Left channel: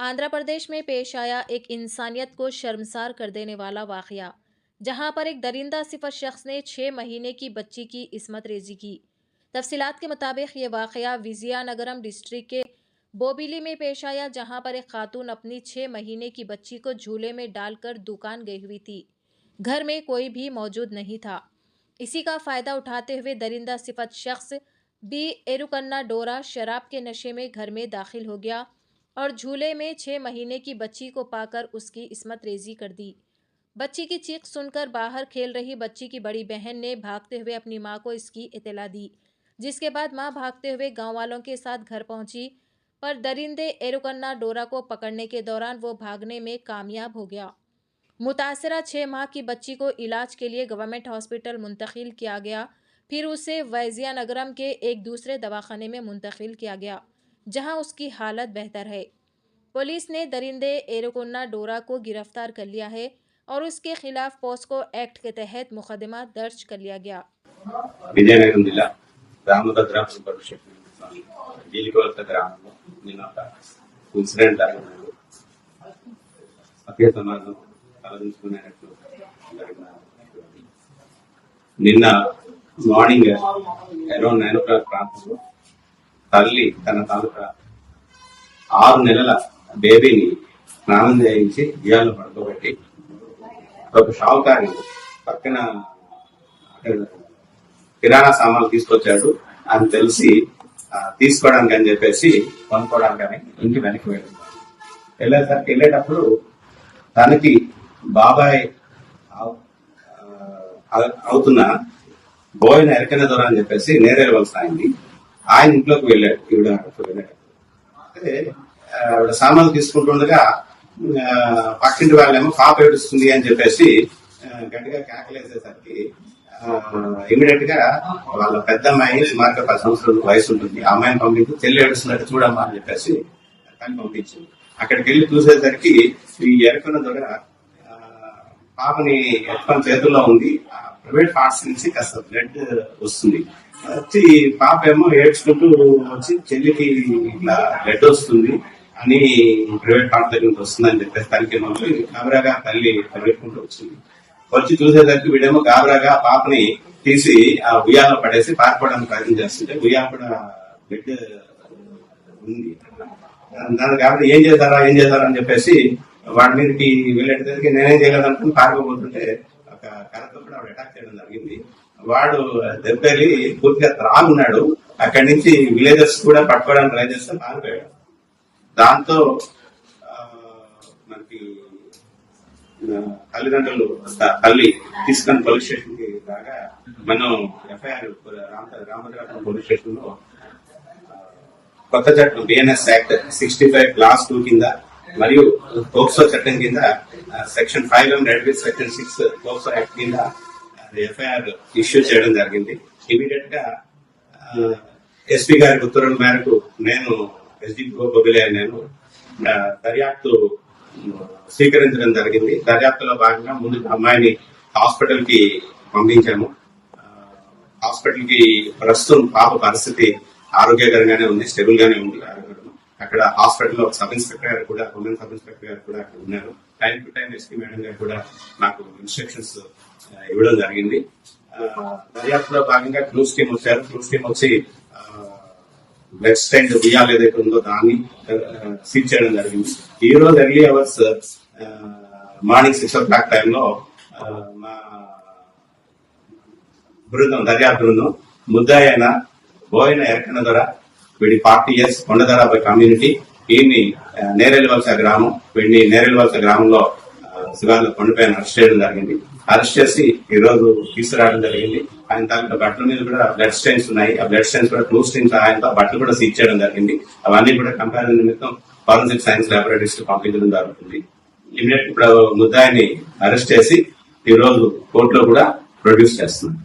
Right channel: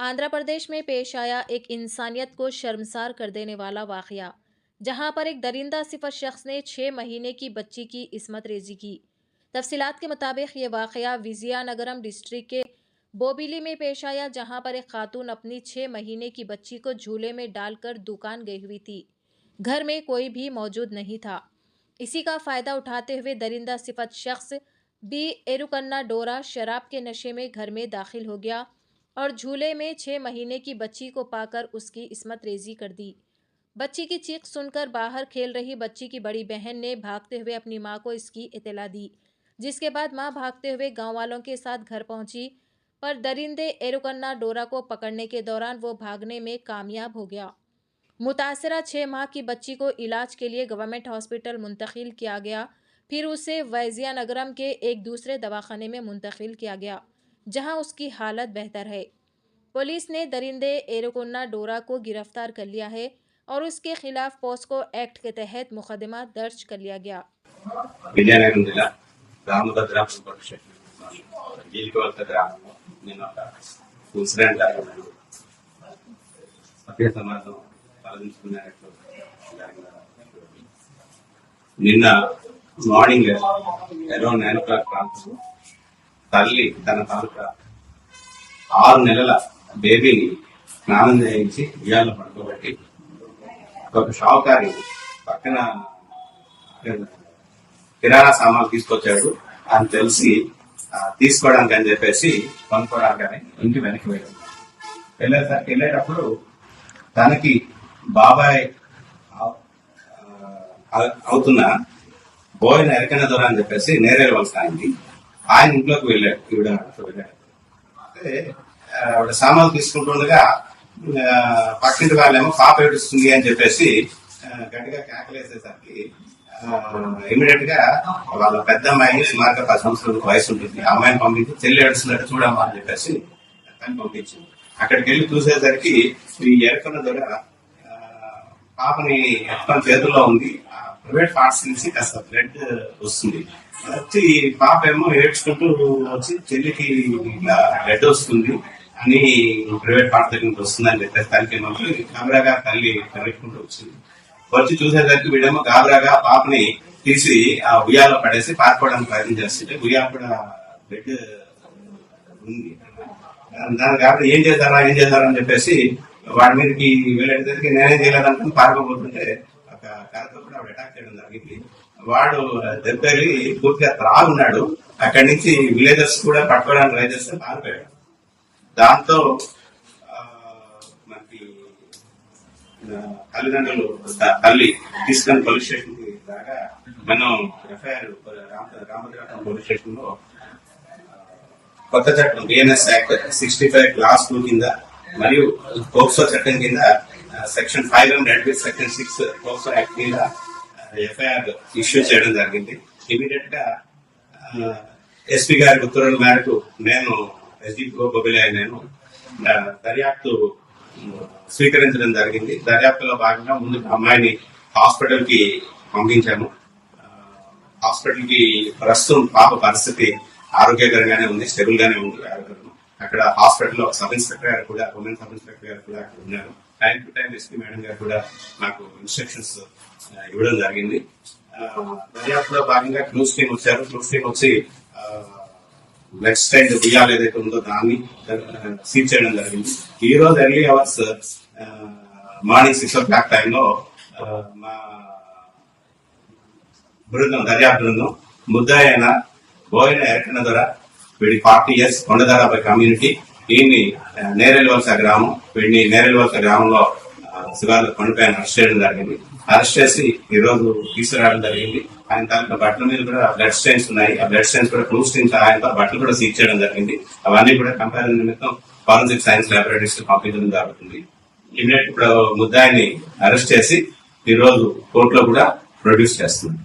आंध्र प्रदेश में पेश आया एक इंसानियत को शर्मसार कर देने वाला वाकया, जहां पर एक दरिंदा सिफत शख्स ने 6 महीने की बच्ची की इस्मत रेजी की। तफसीलात के मुताबिक ये वाकया विजयनगरम डिस्ट्रिक्ट के बोबिली में पेश आया, जहां पर एक खातून अपनी 6 महीने की बच्ची को झूले में डालकर दुकान गई हुई थी। घर में कोई भी मौजूद नहीं था। इसी का फायदा उठाते हुए दरिंदा सिफत शख्स बी एरुकन्ना डोरा शराब के नशे में घर में दाखिल हो गया और झूले में 6 महीने की बच्ची को पाकर उसकी इस्मत रेजी कर दी। बच्ची की चीख सुनकर बाहर खेल रही बच्ची की बड़ी बहन ने भागते हुए अपनी मां को इसकी इत्तला दी, जिसके बाद मां भागते हुए गांव वालों के साथ घर पहुंची, पर दरिंदे एरुकन्ना डोरा को पकड़ने के दौरान वो भागने में कामयाब हो गया। मुतासरा 6 माह की बच्ची को इलाज के लिए गवर्नमेंट हॉस्पिटल मुंतकिल किया गया, फिर उसे विजयनगरम के एक दूसरे दवाखाने में मुंतकिल किया गया, जहां उसकी हालत बेहतर है। पुलिस ने दरिंदे एरुकन्ना डोरा को गिरफ्तार कर लिया है और उसके खिलाफ पोस्को एक्ट के तहत मुकदमा दर्ज कर लिया गया। విజయనగరం జిల్లా రామభద్రాపురం పరిషత్ గీలికొత్త గ్రామంలో నిన్న ఒక ఇన్సిడెంట్ సభ్య సమాజం తలదించుకునేటట్లు జరిగిన నిన్న మార్నింగ్ అరౌండ్ 9 o'clock ప్రాంతంలో తల్లి తన తాలూకా 6 నెలల బేబీని స్నానం చేయించి ఉయ్యాల్లో పడుకోబెట్టి ఒక షావుకారి పక్కన కిరాణా సామాన్లు తీసుకొచ్చాడు అని తెలిసి తీసుకోవడానికి అని చెప్పేసి కొనుక్కోవడానికి ఇంటి వెనక్కి వెళ్ళేటప్పుడు తనకి బాబాయ్ అవుతున్న బోయిన ఎరకన దొర అని చెప్పేసి నేరేవలస అయింది. ఆయన ఇంట్లోకి వెళ్ళాడు. వెళ్ళాడు అదే ఆవిడ సామాన్లు తీసుకుంటుండగా పక్కింటి వాళ్ళేమో పాప ఏడుస్తుంది అని చెప్పేసి గట్టిగా కేకలేసేసరికి ఇమీడియట్ గా వాళ్ళ పెద్ద అమ్మాయి సుమారుగా 10 సంవత్సరాల వయసు ఉంటుంది. ఆ అమ్మాయిని పంపించి చెల్లి ఏడుస్తున్నట్టు చూడమ్మా అని చెప్పేసి తను పంపించింది. అక్కడికి వెళ్ళి చూసేసరికి ఈ ఎరకన దొర పాపని ఎత్తుకొని చేతుల్లో ఉంది. ప్రైవేట్ పార్ట్స్ నుంచి కాస్త బ్లడ్ వస్తుంది. వచ్చి పాప ఏమో ఏడ్చుకుంటూ వచ్చి చెల్లికి ఇట్లా బ్లడ్ వస్తుంది అని ప్రైవేట్ పార్ట్ దగ్గర నుంచి వస్తుందని చెప్పేసి తనకి గాబరాగా తల్లి పరిగెట్టుకుంటూ వచ్చింది. వచ్చి చూసేసరికి వీడేమో గాబరాగా పాపని తీసి ఆ ఉయ్యాలో పడేసి పారిపోవడానికి ప్రయత్నం చేస్తుంటే ఉయ్యాల కూడా బ్లడ్ ఉంది. దాని కాబట్టి ఏం చేశారా అని చెప్పేసి వాడి మీదకి వెళ్ళేటరికి నేనేం చేయలేదనుకుని పారిపోతుంటే ఒక కర్రతో కూడా ఆవిడ అటాక్ చేయడం జరిగింది. వాడు దెబ్బేరి పూర్తిగా త్రాగున్నాడు. అక్కడి నుంచి విలేజర్స్ కూడా పట్టుకోవడానికి ట్రై చేస్తే పారిపోయాడు. దాంతో మనకి తల్లిదండ్రులు తల్లి తీసుకొని పోలీస్ స్టేషన్ కి రాగా మనం ఎఫ్ఐఆర్ రామభద్రాపురం పోలీస్ స్టేషన్ లో కొత్త చట్టం బిఎన్ఎస్ యాక్ట్ 65 క్లాస్ 2 కింద మరియు పోక్సో చట్టం కింద సెక్షన్ 500 సెక్షన్ 6 పోక్సో యాక్ట్ కింద ఎఫ్ఐఆర్ ఇష్యూ చేయడం జరిగింది. ఇమీడియట్ గా ఎస్పీ గారి ఉత్తర్వుల మేరకు నేను నేను దర్యాప్తు స్వీకరించడం జరిగింది. దర్యాప్తులో భాగంగా ముందు అమ్మాయిని హాస్పిటల్ కి పంపించాము. హాస్పిటల్ కి ప్రస్తుతం పాప పరిస్థితి ఆరోగ్యకరంగానే ఉంది, స్టెబుల్ గానే ఉంది. అక్కడ హాస్పిటల్లో సబ్ ఇన్స్పెక్టర్ గారు కూడా, ఉమెన్ సబ్ ఇన్స్పెక్టర్ గారు కూడా ఉన్నారు. Time to time SP madam గారు కూడా నాకు ఇన్స్ట్రక్షన్స్ ఇవ్వడం జరిగింది. దర్యాప్తులో భాగంగా క్లూస్ టీమ్ వచ్చారు. క్లూస్ టీమ్ వచ్చి నెక్స్ట్ టైం బియ్యాలు ఏదైతే ఉందో దాన్ని సీజ్ చేయడం జరిగింది. ఈ రోజు ఎర్లీ అవర్స్ మార్నింగ్ 6 o'clock టైంలో మా బృందం, దర్యాప్తు బృందం ముద్దాయి అయిన బోయిన ఎరకన దొర, వీడి 40 years, కొండదారాపై కమ్యూనిటీ, వీడిని నేరేల్వలస గ్రామం, వీడిని నేరేల్వలస గ్రామంలో శివార్ల కొండపైన అరెస్ట్ చేయడం జరిగింది. అరెస్ట్ చేసి ఈ రోజు తీసుకురావడం జరిగింది. ఆయన తాలూకా బట్టల మీద కూడా బ్లడ్ స్టెయిన్స్ ఉన్నాయి. ఆ బ్లడ్ స్టెయిన్స్ కూడా క్లూ స్టెయిన్స్ ఆయనతో బట్టలు కూడా సీజ్ చేయడం జరిగింది. అవన్నీ కూడా కంపారిజన్ నిమిత్తం ఫారెన్సిక్ సైన్స్ ల్యాబొరేటరీస్ పంపించడం జరుగుతుంది. ఇమీడియట్ ఇప్పుడు ముద్దాయిని అరెస్ట్ చేసి ఈ రోజు కోర్టులో కూడా ప్రొడ్యూస్ చేస్తుంది.